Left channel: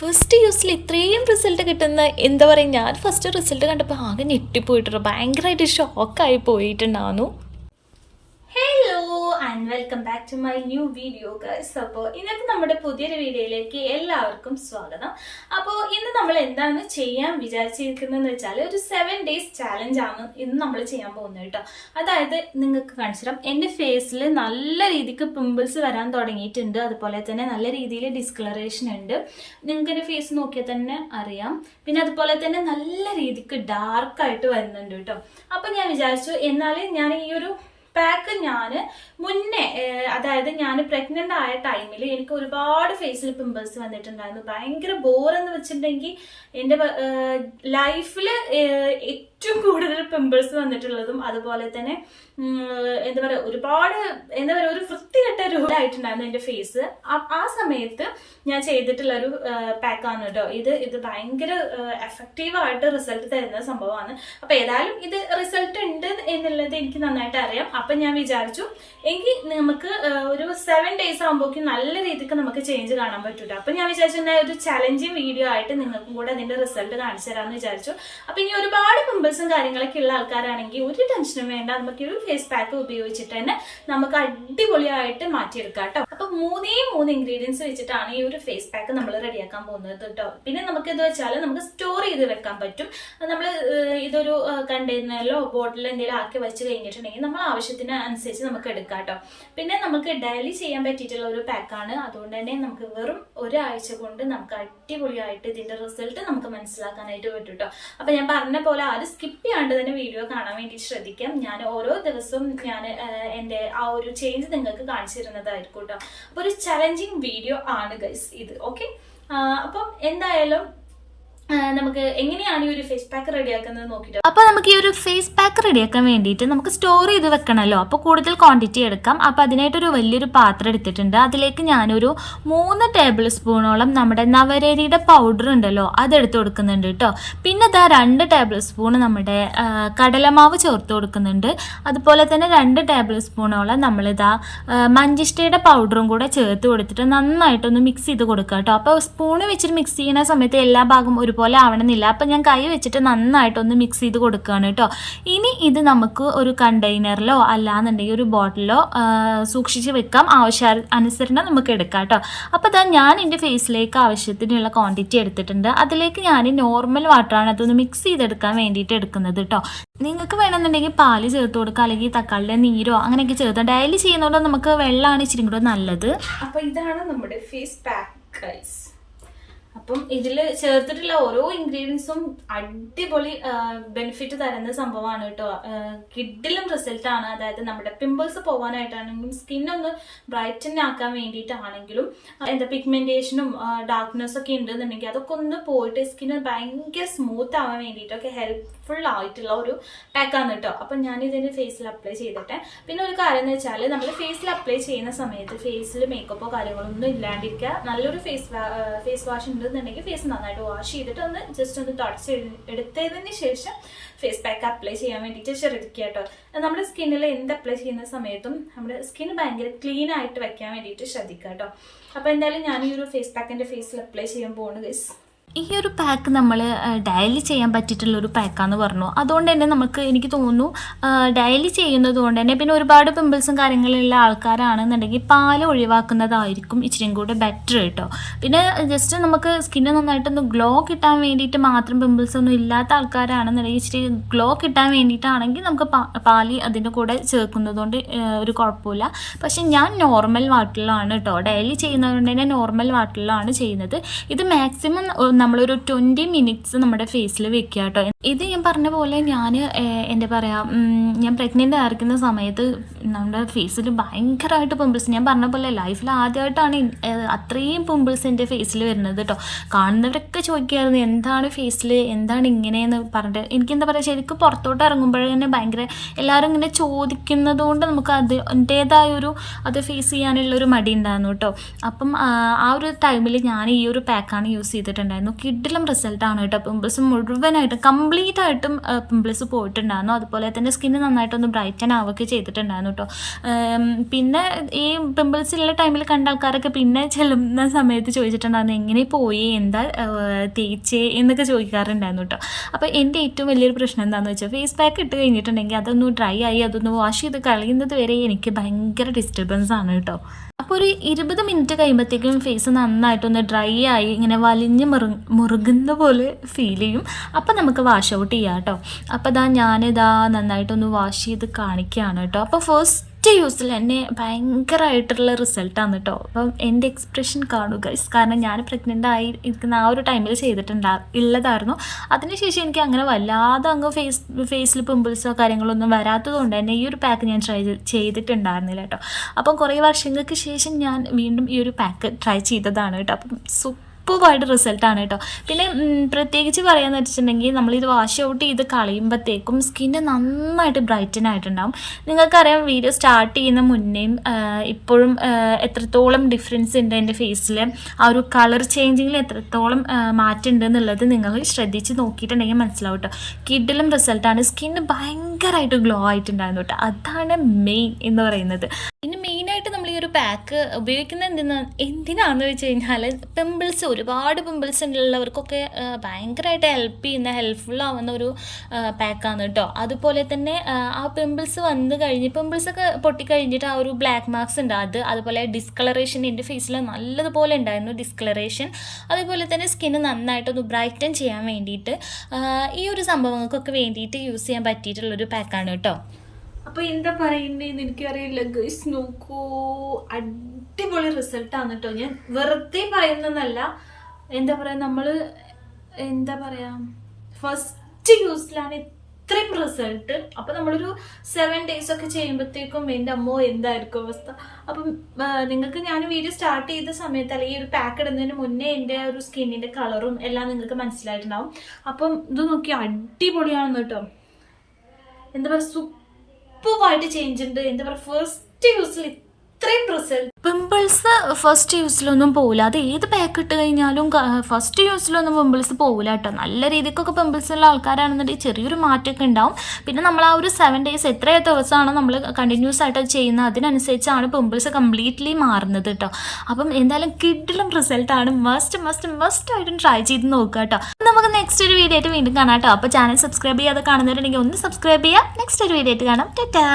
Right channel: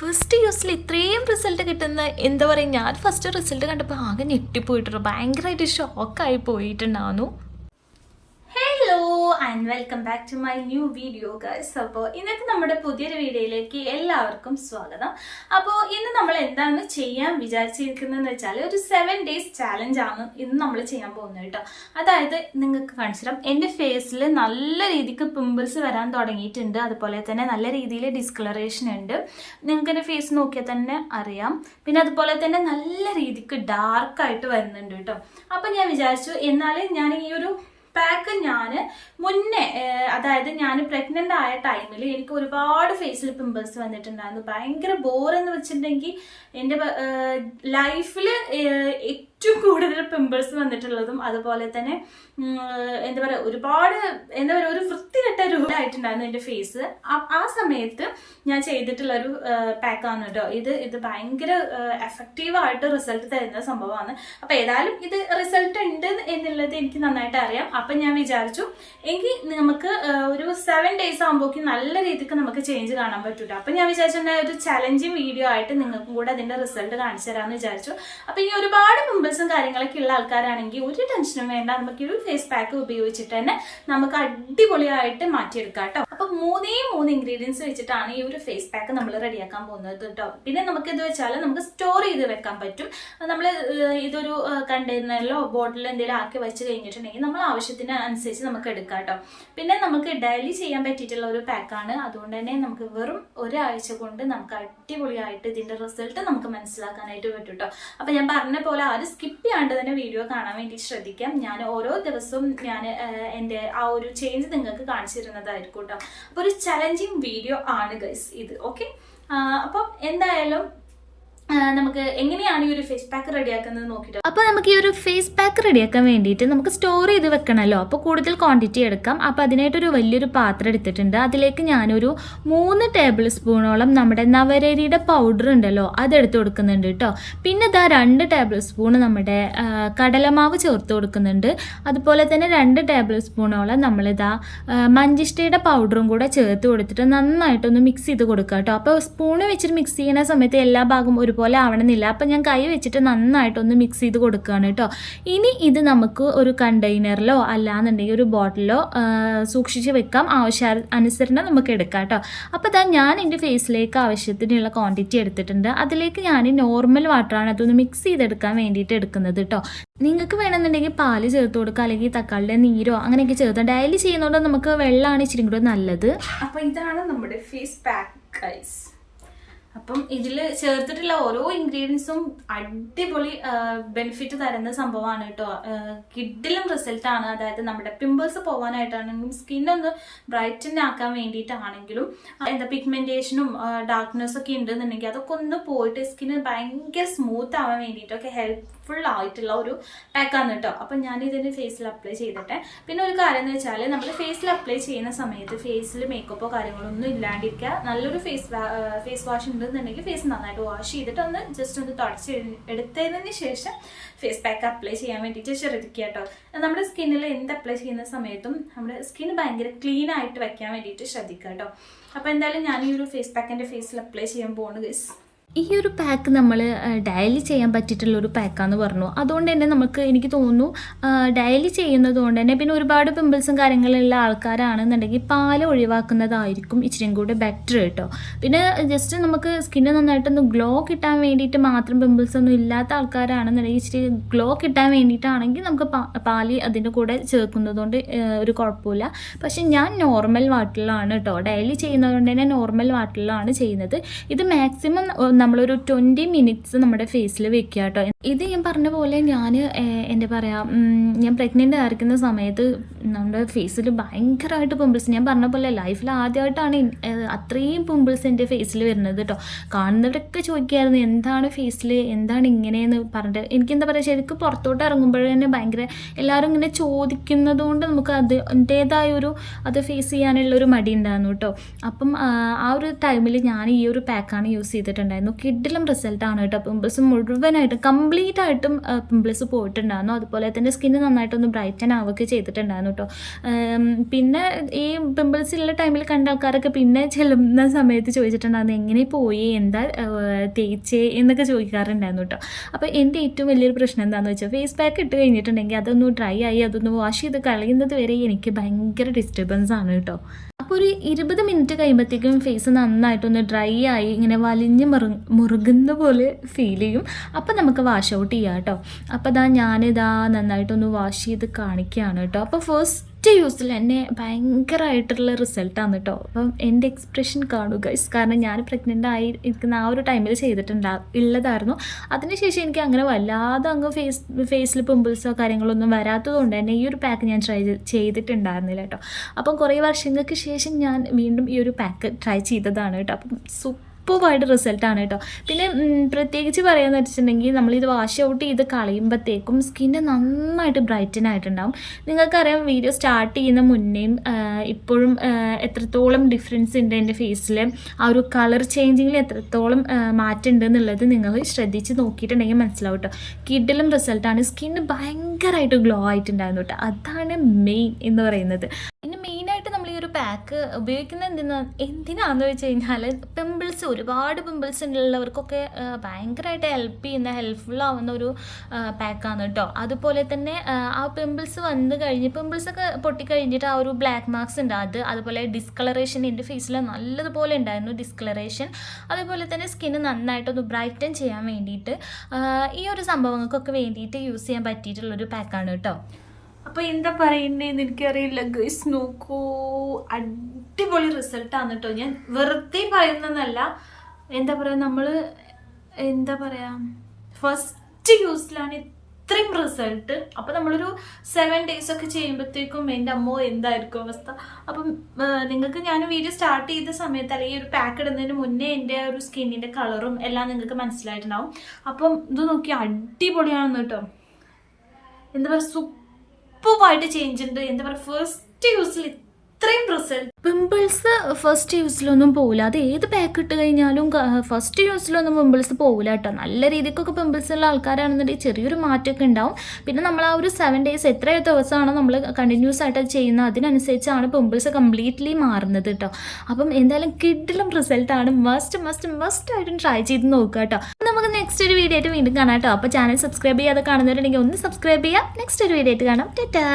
First യൂസിൽ ഇത്രയും result കിട്ടുന്ന എന്താ പറയുക, ഞാൻ ഫസ്റ്റ് റിസൾട്ട് കണ്ടപ്പോൾ ആകെ ഞെട്ടിപ്പോയിട്ടുണ്ട്. ഭയങ്കരമായിട്ട് ഷോക്കായി പോയിട്ടുണ്ടായിരുന്നു. Hello and welcome back to my new video guys. അപ്പോൾ ഇന്നത്തെ നമ്മുടെ പുതിയൊരു വീഡിയോയിലേക്ക് എല്ലാവർക്കും സ്വാഗതം. അപ്പോൾ ഇന്ന് നമ്മൾ എന്താണ് ചെയ്യാൻ വിചാരിച്ചിരിക്കുന്നതെന്ന് വെച്ചാൽ ഒരു 7 days ചാലഞ്ച് ആണ് ഇന്ന് നമ്മൾ ചെയ്യാൻ പോകുന്നത് കേട്ടോ. അതായത് നിങ്ങൾക്ക് കാണിച്ചു തരാം, എൻ്റെ ഫേസിൽ നല്ല രീതിക്ക് പിമ്പിൾസ് വരാൻ തുടങ്ങിയിട്ടുണ്ട്. അതുപോലെ തന്നെ നല്ല രീതിയിൽ ഡിസ്കളറേഷൻ ഉണ്ട്. നിങ്ങൾക്ക് എൻ്റെ ഫേസ് നോക്കിയാൽ തന്നെ അറിയാം. പിന്നെ അതുപോലെ തന്നെ നല്ല രീതിക്ക് ഡാർക്കായിട്ട് വരുന്നുണ്ട് കേട്ടോ. അപ്പം ഞാൻ വിചാരിച്ചു എന്നാലും ഞാൻ ഈ ഒരു പാക്ക് ഞാൻ മുന്നേ, അതായത് ഞാൻ പ്രഗ്നൻ്റ് ആയ ടൈമിൽ എനിക്ക് ഒരുപാട് ഫേസിൽ പിമ്പിൾസ് വന്നിട്ടുണ്ടായിരുന്നു. ഭയങ്കര ബോറെന്ന് വെച്ചിട്ടുണ്ടെങ്കിൽ എൻ്റെ ലൈഫിൽ ഏറ്റവും കൂടുതൽ പിമ്പിൾസ് വന്നിട്ടുള്ളതും അതുപോലെ തന്നെ എന്താ പറയുക ഒരുപാട് എന്താ പറയുക ഒരു വൃത്തികെട്ട രൂപമായിട്ടുണ്ടായിരുന്നു എൻ്റെ ഫേസ്. ആ സമയത്ത് ഞാൻ ചെയ്തിട്ടുള്ള ഒരു പാക്കാണ് കേട്ടോ ഇത് ഭയങ്കര എഫക്റ്റീവായിട്ട് റിസൾട്ട് തരുന്ന സംഭവമാണ്. അപ്പം ഏതായാലും ഇത് റിസൾട്ട് ഉണ്ട് എന്നുള്ളത് എനിക്ക് നന്നായിട്ട് അറിയാം. അപ്പം ഞാൻ വിചാരിച്ചു എങ്കിൽ നമുക്ക് ഒരു 7 days ആകുമ്പോഴേക്കും നല്ല രീതിക്ക് നമുക്ക് ചേഞ്ച് കാണാൻ പറ്റൂട്ടോ. അപ്പം ഞാൻ വിചാരിച്ചു ഒരു ചലഞ്ചിങ് വീഡിയോ ആയിട്ട് നിങ്ങൾക്കും കൂടെ അതിൻ്റെ റിസൾട്ട് കാണിച്ചു തരാമെന്ന് വിചാരിച്ചു. അപ്പം ഇനി ഒരുപാട് പിമ്പിൾസും കാര്യങ്ങളൊക്കെ ഉള്ള ആൾക്കാരാണെങ്കിൽ ഒരു ടെൻഷനും വേണ്ട, നമുക്ക് ഒരു ഫേസ് പാക്ക് ഉപയോഗിച്ചിട്ട് തന്നെ നമുക്ക് അടിപൊളിയായിട്ട് മാറ്റിയെടുക്കാം കേട്ടോ. അപ്പം 3 ഇൻഗ്രീഡിയൻസ് വെച്ചിട്ടാണ് ഈ ഒരു ഫേസ് പാക്ക് നമ്മൾ റെഡിയാക്കാൻ പോകുന്നത് കേട്ടോ. പിന്നെ നമുക്ക് ഇത് വെച്ചാൽ നമുക്ക് സ്റ്റോർ ചെയ്ത് വെക്കാൻ പറ്റും. നമ്മൾ ഇതൊരു കണ്ടെയ്നറിലോ ബോട്ടിലോ എന്തെങ്കിലും ആക്കി വെച്ച് കഴിഞ്ഞിട്ടുണ്ടെങ്കിൽ നമ്മൾ ആവശ്യത്തിന് അനുസരിച്ച് നമുക്ക് എടുക്കാം കേട്ടോ. പിന്നെ നമുക്ക് ഡെയിലി ചെയ്യാൻ പറ്റിയിട്ടുള്ള ഒരു പാക്കാണ്. അതുകൊണ്ട് തന്നെ നമുക്ക് വെറും ഒരാഴ്ച കൊണ്ട് നമുക്ക് അടിപൊളിയായിട്ട് ഇതിന്റെ റിസൾട്ട് നമുക്ക് മനസ്സിലാക്കാനായിട്ട് പറ്റും കേട്ടോ. അപ്പൊ ഞാൻ പറഞ്ഞ പോലെ ആരും സ്കിപ്പ് ചെയ്യാണ്ട് തന്നെ വീഡിയോ കാണാൻ വേണ്ടി ശ്രദ്ധിക്കാം. ഞാൻ ഓരോ ദിവസവും ഞാൻ എൻ്റെ ആ ഒരു ചേഞ്ച് നിങ്ങൾക്ക് കാണിച്ചു തരുന്നതായിരിക്കും കേട്ടോ. അപ്പോൾ ഒരു ചലഞ്ചിങ് വീഡിയോ ആണ് ഗൈസ് ഇത്. ഓക്കെ, അപ്പം എന്തായാലും നമുക്ക് എങ്ങനെയാണ് ഈ ഒരു ഫേസ് പാക്ക് റെഡിയാക്കുന്നത് നോക്കിയിട്ട്. അപ്പോൾ നമുക്ക് ഈ ഒരു ഫേസ് പാക്ക് റെഡിയാക്കാൻ വേണ്ടിയിട്ട് നമുക്ക് സ്റ്റോർ ചെയ്ത് വെക്കണമല്ലോ. അപ്പോൾ കൂടുതൽ ക്വാണ്ടിറ്റി എടുക്കാം. അപ്പോൾ അതിനായിട്ടൊരു വലിയൊരു പാത്രം എടുത്തിട്ടുണ്ട്. അതിലേക്ക് ഞാനൊരു 3 ടേബിൾ സ്പൂണോളം നമ്മുടെ നവരരിയുടെ പൗഡർ ഉണ്ടല്ലോ അതെടുത്ത് കൊടുക്കുന്നുണ്ട് കേട്ടോ. പിന്നെ ഇതാ 2 ടേബിൾ സ്പൂൺ നമ്മുടെ കടലമാവ് ചേർത്ത് കൊടുക്കുന്നുണ്ട്. അതുപോലെ തന്നെ 2 ടേബിൾ സ്പൂണോളം നമ്മളിതാ മഞ്ചിഷ്ടയുടെ പൗഡറും കൂടെ ചേർത്ത് കൊടുത്തിട്ട് നന്നായിട്ടൊന്ന് മിക്സ് ചെയ്ത് കൊടുക്കുക കേട്ടോ. അപ്പോൾ സ്പൂണ് വെച്ചിട്ട് മിക്സ് ചെയ്യുന്ന സമയത്ത് എല്ലാ ഭാഗവും ഒരുപോലെ ആവണമെന്നില്ല. അപ്പം ഞാൻ കൈ വെച്ചിട്ട് നന്നായിട്ടൊന്ന് മിക്സ് ചെയ്ത് കൊടുക്കുകയാണ് കേട്ടോ. ഇനി ഇത് നമുക്ക് ഒരു കണ്ടെയ്നറിലോ അല്ലാന്നുണ്ടെങ്കിൽ ഒരു ബോട്ടിലോ സൂക്ഷിച്ച് വെക്കാം. ആവശ്യാനുസരണം നമുക്ക് എടുക്കാം കേട്ടോ. അപ്പോൾ ഞാൻ എൻ്റെ ഫേസിലേക്ക് ആവശ്യത്തിനുള്ള ക്വാണ്ടിറ്റി എടുത്തിട്ടുണ്ട്. അതിലേക്ക് ഞാൻ നോർമൽ വാട്ടറാണ് അതൊന്ന് മിക്സ് ചെയ്തെടുക്കാൻ വേണ്ടിയിട്ട് എടുക്കുന്നത് കേട്ടോ. നിങ്ങൾക്ക് വേണമെന്നുണ്ടെങ്കിൽ പാല് ചേർത്ത് കൊടുക്കുക, അല്ലെങ്കിൽ തക്കാളിയുടെ നീരോ അങ്ങനെയൊക്കെ ചേർത്ത്. ഡെയിലി ചെയ്യുന്നതുകൊണ്ട് നമുക്ക് വെള്ളമാണ് ഇച്ചിരി കൂടെ നല്ലത്. അപ്പോൾ ഇതാണ് നമ്മുടെ ഫേസ് പാക്ക് ഗൈസ്. അപ്പം ഇതിൽ ചേർത്തിട്ടുള്ള ഓരോ ഇൻഗ്രീഡിയൻസും അടിപൊളി ബെനിഫിറ്റ് തരുന്ന സംഭവമാണ് കേട്ടോ. കിഡിലും റിസൾട്ടാണ്. അതായത് നമ്മുടെ പിമ്പിൾസ് പോകാനായിട്ടാണെങ്കിലും സ്കിന്നൊന്ന് ബ്രൈറ്റൻ ആക്കാൻ വേണ്ടിയിട്ടാണെങ്കിലും എന്താ പിഗ്മെന്റേഷനും ഡാർക്ക്നെസ് ഒക്കെ ഉണ്ടെന്നുണ്ടെങ്കിൽ അതൊക്കെ ഒന്ന് പോയിട്ട് സ്കിന്ന് ഭയങ്കര സ്മൂത്ത് ആവാൻ വേണ്ടിയിട്ടൊക്കെ ഹെൽപ്ഫുൾ ആയിട്ടുള്ള ഒരു പാക്കാണ് കേട്ടോ. അപ്പം ഞാൻ ഇതിൻ്റെ ഫേസിൽ അപ്ലൈ ചെയ്തിട്ടെ. പിന്നെ ഒരു കാര്യം എന്ന് വെച്ചാൽ നമ്മൾ ഫേസിൽ അപ്ലൈ ചെയ്യുന്ന സമയത്ത് ഫേസിൽ മേക്കപ്പോ കാര്യങ്ങളൊന്നും ഇല്ലാണ്ടിരിക്കുക. നല്ലൊരു ഫേസ് വാഷ് ഉണ്ടെന്നുണ്ടെങ്കിൽ ഫേസ് നന്നായിട്ട് വാഷ് ചെയ്തിട്ട് ഒന്ന് ജസ്റ്റ് ഒന്ന് തുടച്ച് എടുത്തതിന് ശേഷം ഫേസ് പാക്ക് അപ്ലൈ ചെയ്യാൻ വേണ്ടിയിട്ട് ശ്രദ്ധിക്കുക കേട്ടോ. നമ്മുടെ സ്കിന്നിൽ എന്ത് അപ്ലൈ ചെയ്യുന്ന സമയത്തും നമ്മുടെ സ്കിൻ ഭയങ്കര ക്ലീൻ ആയിട്ട് വെക്കാൻ വേണ്ടിയിട്ട് ശ്രദ്ധിക്കുക കേട്ടോ. അപ്പോൾ എന്തായാലും ഞാൻ ഈ ഒരു ഫേസ് പാക്ക് എൻ്റെ ഫേസിൽ അപ്ലൈ ചെയ്യാൻ പോകുന്നു ഗൈസ്. ഈ ഒരു പാക്ക് നമ്മൾ ഡെയിലി ചെയ്യാൻ പറ്റിയിട്ടുള്ളൊരു പാക്കാന്ന് പറഞ്ഞു. അതുകൊണ്ട് തന്നെ എനിക്ക് തോന്നുന്നു ഡെയിലി ചെയ്യുന്നത് കൊണ്ട് തന്നെ പിന്നെ ഒരുപാട് പിമ്പിൾസും കാര്യങ്ങളുള്ള ആൾക്കാരാണെന്നുണ്ടെങ്കിൽ പാല് ഒഴിവാക്കുന്നതായിരിക്കും ഇച്ചിരിയും കൂടെ ബെറ്റർ കേട്ടോ. പിന്നെ ജസ്റ്റ് നമുക്ക് സ്കിന്ന് നന്നായിട്ടൊന്ന് ഗ്ലോ കിട്ടാൻ വേണ്ടിയിട്ട് മാത്രം പിമ്പിൾസ് ഒന്നും ഇല്ലാത്ത ആൾക്കാരാണെന്നുണ്ടെങ്കിൽ ഇച്ചിരി ഗ്ലോ കിട്ടാൻ വേണ്ടിയിട്ടാണെങ്കിൽ നമുക്ക് പാല് അതിൻ്റെ കൂടെ ചേർക്കുന്നതുകൊണ്ട് ഒരു കുഴപ്പമില്ല. പക്ഷെ ഞാൻ നോർമൽ വാട്ടറിലാണ് കേട്ടോ ഡെയിലി ചെയ്യുന്നത് കൊണ്ട് തന്നെ നോർമൽ വാട്ടറിലാണ് ചെയ്യുന്നത്. ഇത് മാക്സിമം നമ്മളൊരു 20 minutes നമ്മുടെ ഫേസിൽ വെക്കുക കേട്ടോ. ഇത് ഞാൻ പറഞ്ഞ പോലെ ഞാൻ എന്താ പറയുക, ഞാൻ പ്രഗ്നൻ്റ് ആയിരിക്കുന്ന സമയത്ത് നമ്മുടെ ഫേസിൽ ഭയങ്കരമായിട്ട് പിമ്പിൾസ്, ഞാൻ പറഞ്ഞ പോലെ ലൈഫിൽ ആദ്യമായിട്ടാണ് അത്രയും പിമ്പിൾസ് എൻ്റെ ഫേസിൽ വരുന്നത് കേട്ടോ. കാണുന്നവരൊക്കെ ചോദിക്കുമായിരുന്നു എന്താണ് ഫേസിൽ എന്താണ് ഇങ്ങനെയെന്ന് പറഞ്ഞിട്ട്. എനിക്കെന്താ പറയുക, ശരിക്കും പുറത്തോട്ട് ഇറങ്ങുമ്പോഴേ തന്നെ ഭയങ്കര എല്ലാവരും ഇങ്ങനെ ചോദിക്കുന്നത് കൊണ്ട് നമുക്ക് അതിൻ്റേതായൊരു അത് ഫേസ് ചെയ്യാനുള്ളൊരു മടി ഉണ്ടായിരുന്നു കേട്ടോ. അപ്പം ആ ഒരു ടൈമിൽ ഞാൻ ഈ ഒരു പാക്കാണ് യൂസ് ചെയ്തിട്ടുണ്ടായിരുന്നു. ചെയ്തിട്ടുണ്ടായിരുന്നു. കിഡിലും റിസൾട്ടാണ് കേട്ടോ. പിമ്പിൾസ് മുഴുവനായിട്ടും കംപ്ലീറ്റ് ആയിട്ടും പിമ്പിൾസ് പോയിട്ടുണ്ടായിരുന്നു. അതുപോലെ തന്നെ സ്കിന്ന് നന്നായിട്ടൊന്ന് ബ്രൈറ്റൻ ആവുകയൊക്കെ ചെയ്തിട്ടുണ്ടായിരുന്നു കേട്ടോ. പിന്നെ ഈ പിമ്പിൾസ് ഉള്ള ടൈമിൽ കണ്ട ആൾക്കാരൊക്കെ പിന്നെ ചെല്ലുന്ന സമയത്ത് ചോദിച്ചിട്ടുണ്ടായിരുന്നു എങ്ങനെ പോയി, എന്താ തേച്ചേ എന്നൊക്കെ ചോദിക്കാറുണ്ടായിരുന്നു കേട്ടോ. അപ്പോൾ എൻ്റെ ഏറ്റവും വലിയൊരു പ്രശ്നം എന്താണെന്ന് വെച്ചാൽ ഫേസ് പാക്ക് ഇട്ട് കഴിഞ്ഞിട്ടുണ്ടെങ്കിൽ അതൊന്ന് ഡ്രൈ ആയി അതൊന്ന് വാഷ് ചെയ്ത് കളയുന്നത് വരെ എനിക്ക് ഭയങ്കര ഡിസ്റ്റർബൻസ് ആണ് കേട്ടോ. അപ്പോൾ ഒരു 20 മിനിറ്റ് കഴിയുമ്പോഴത്തേക്കും ഫേസ് നന്നായിട്ടൊന്ന് ഡ്രൈ ആയി ഇങ്ങനെ വലിഞ്ഞ് മുറുകുന്ന പോലെ ഫീൽ ചെയ്യും. അപ്പോൾ നമുക്ക് വാഷ് ഔട്ട് ചെയ്യാം കേട്ടോ. അപ്പോൾ ഞാനിതാ നന്നായിട്ടൊന്ന് വാഷ് ചെയ്ത് കാണിക്കുകയാണ് കേട്ടോ. അപ്പോൾ ഫസ്റ്റ് യൂസിൽ തന്നെ ഭയങ്കരമായിട്ടുള്ള റിസൾട്ടാണ് കേട്ടോ. അപ്പം എൻ്റെ എക്സ്പ്രഷൻ കാണുക, കാരണം ഞാൻ പ്രഗ്നൻ്റ് ആയി ഇരിക്കുന്ന ആ ഒരു ടൈമിൽ ഉള്ളതായിരുന്നു. അതിനുശേഷം എനിക്ക് അങ്ങനെ വല്ലാതെ അങ്ങ് ഫേസിൽ പിമ്പിൾസോ കാര്യങ്ങളൊന്നും വരാത്തത് കൊണ്ട് തന്നെ ഈ ഒരു പാക്ക് ഞാൻ ട്രൈ ചെയ്തിട്ടുണ്ടായിരുന്നില്ല കേട്ടോ. അപ്പം കുറേ വർഷങ്ങൾക്ക് ശേഷം ഞാൻ വീണ്ടും ഈ ഒരു പാക്ക് ട്രൈ ചെയ്തതാണ് കേട്ടോ. അപ്പം സൂപ്പറായിട്ട് റിസൾട്ടാണ് കേട്ടോ. പിന്നെ പ്രത്യേകിച്ച് പറയാമെന്ന് വെച്ചിട്ടുണ്ടെങ്കിൽ നമ്മളിത് വാഷ് ഔട്ട് ചെയ്ത് കളയുമ്പോഴത്തേക്കും സ്കിന്ന് നന്നായിട്ട് ബ്രൈറ്റൻ ആയിട്ടുണ്ടാകും. നിങ്ങൾക്കറിയാം വീഡിയോ സ്റ്റാർട്ട് ചെയ്യുന്ന മുന്നേയും ഇപ്പോഴും എത്രത്തോളം ഡിഫറൻസ് ഉണ്ട് എൻ്റെ ഫേസിൽ, ആ ഒരു കളർ ചേഞ്ചിങ്ങിൽ എത്രത്തോളം മാറ്റമുണ്ട് എന്നുള്ളത് നിങ്ങൾ ശ്രദ്ധിച്ച് നോക്കിയിട്ടുണ്ടെങ്കിൽ മനസ്സിലാവും കേട്ടോ. കിഡിലും റിസൾട്ടാണ്. സ്കിന്ന് ഭയങ്കരമായിട്ട് ഗ്ലോ ആയിട്ടുണ്ടായിരുന്നു കേട്ടോ. അതാണ് മെയിൻ എന്ന് പറയുന്നത്. പിന്നെ മെയിനായിട്ട് നമ്മൾ ഈ ഒരു പാക്ക് ഉപയോഗിക്കുന്നത് എന്തിനാണെന്ന് വെച്ച് കഴിഞ്ഞാൽ പിമ്പിൾസ്, ഒരുപാട് പിമ്പിൾസ് ഉള്ളവർക്കൊക്കെ ഭയങ്കരമായിട്ട് ഹെൽപ്ഫുൾ ആവുന്ന ഒരു പാക്കാണ് കേട്ടോ. അതുപോലെ തന്നെ ആ പിമ്പിൾസ് വന്നു കഴിഞ്ഞ് പിമ്പിൾസൊക്കെ പൊട്ടിക്കഴിഞ്ഞിട്ട് ആ ഒരു ബ്ലാക്ക് മാർക്സ് ഉണ്ട്, അതുപോലെ ഡിസ്കളറേഷൻ എൻ്റെ ഫേസിൽ നല്ലതുപോലെ ഉണ്ടായിരുന്നു ഡിസ്കളറേഷൻ. അതുപോലെ തന്നെ സ്കിന്ന് നന്നായിട്ടൊന്ന് ബ്രൈറ്റൻ ചെയ്യാൻ വേണ്ടിയിട്ട് ഈ ഒരു സംഭവങ്ങൾക്കൊക്കെ വേണ്ടിയിട്ട് യൂസ് ചെയ്യാൻ പറ്റിയിട്ടുള്ളൊരു പാക്കാണ് കേട്ടോ. അപ്പോൾ എന്താ പറയുന്നതെന്ന് എനിക്കറിയില്ല ഗൈസ്, നോക്കൂ, അടിപൊളി റിസൾട്ടാണ് കേട്ടോ. ഞാൻ വെറുതെ പറയുന്നതല്ല, എന്താ പറയുക, നമ്മൾ എന്താ പറയുക ഫസ്റ്റ് യൂസിലാണ് ഇത്രയും റിസൾട്ട്. അപ്പോൾ നമ്മളൊരു 7 days ഒക്കെ ചെയ്യുമ്പോഴത്തേക്കും എൻ്റെ അമ്മോ എന്തായിരിക്കും അവസ്ഥ. അപ്പം നിങ്ങൾക്ക് ഞാൻ വീഡിയോ സ്റ്റാർട്ട് ചെയ്ത സമയത്ത് അല്ലെങ്കിൽ ഒരു പാക്ക് ഇടുന്നതിന് മുന്നേ എൻ്റെ ഒരു സ്കിന്നിൻ്റെ കളറും എല്ലാം നിങ്ങൾക്ക് മനസ്സിലായിട്ടുണ്ടാവും. അപ്പം ഇത് നോക്കി അടിപൊളിയാണെന്ന് കേട്ടോ. എന്താ പറയുക, സൂപ്പറായിട്ട് ചേഞ്ച് ഉണ്ട്. എന്താ പറയുക, ഫസ്റ്റ് യൂസിൽ ഇത്രയും റിസൾട്ട്. പിമ്പിൾസ് ഫസ്റ്റ് യൂസിലൊന്നും പോകില്ല. അത് ഏത് പാക്ക് ഇട്ട് കഴിഞ്ഞാലും ഫസ്റ്റ് യൂസിലൊന്നും പിമ്പിൾസ് പോകില്ല കേട്ടോ. നല്ല രീതിക്കൊക്കെ പിമ്പിൾസ് ഉള്ള ആൾക്കാരാണെന്നുണ്ടെങ്കിൽ ചെറിയൊരു മാറ്റമൊക്കെ ഉണ്ടാവും. പിന്നെ നമ്മൾ ആ ഒരു 7 days എത്ര ദിവസമാണോ നമ്മൾ കണ്ടിന്യൂസ് ആയിട്ട് ചെയ്യുന്നത് അതിനനുസരിച്ചാണ് പിമ്പിൾസ് കംപ്ലീറ്റ്ലി മാറുന്നത് കേട്ടോ. അപ്പം എന്തായാലും കിഡിലും റിസൾട്ടാണ്. മസ്റ്റ് ആയിട്ടും ട്രൈ ചെയ്ത് നോക്കുക കേട്ടോ. നമുക്ക് നെക്സ്റ്റ് ഒരു വീഡിയോ ആയിട്ട് വീണ്ടും കാണാം കേട്ടോ. അപ്പോൾ ചാനൽ സബ്സ്ക്രൈബ് ചെയ്യാതെ കാണുന്നവരുണ്ടെങ്കിൽ ഒന്ന് സബ്സ്ക്രൈബ് ചെയ്യുക. നെക്സ്റ്റ് ഒരു വീഡിയോ ആയിട്ട് കാണാം. ടാറ്റാ.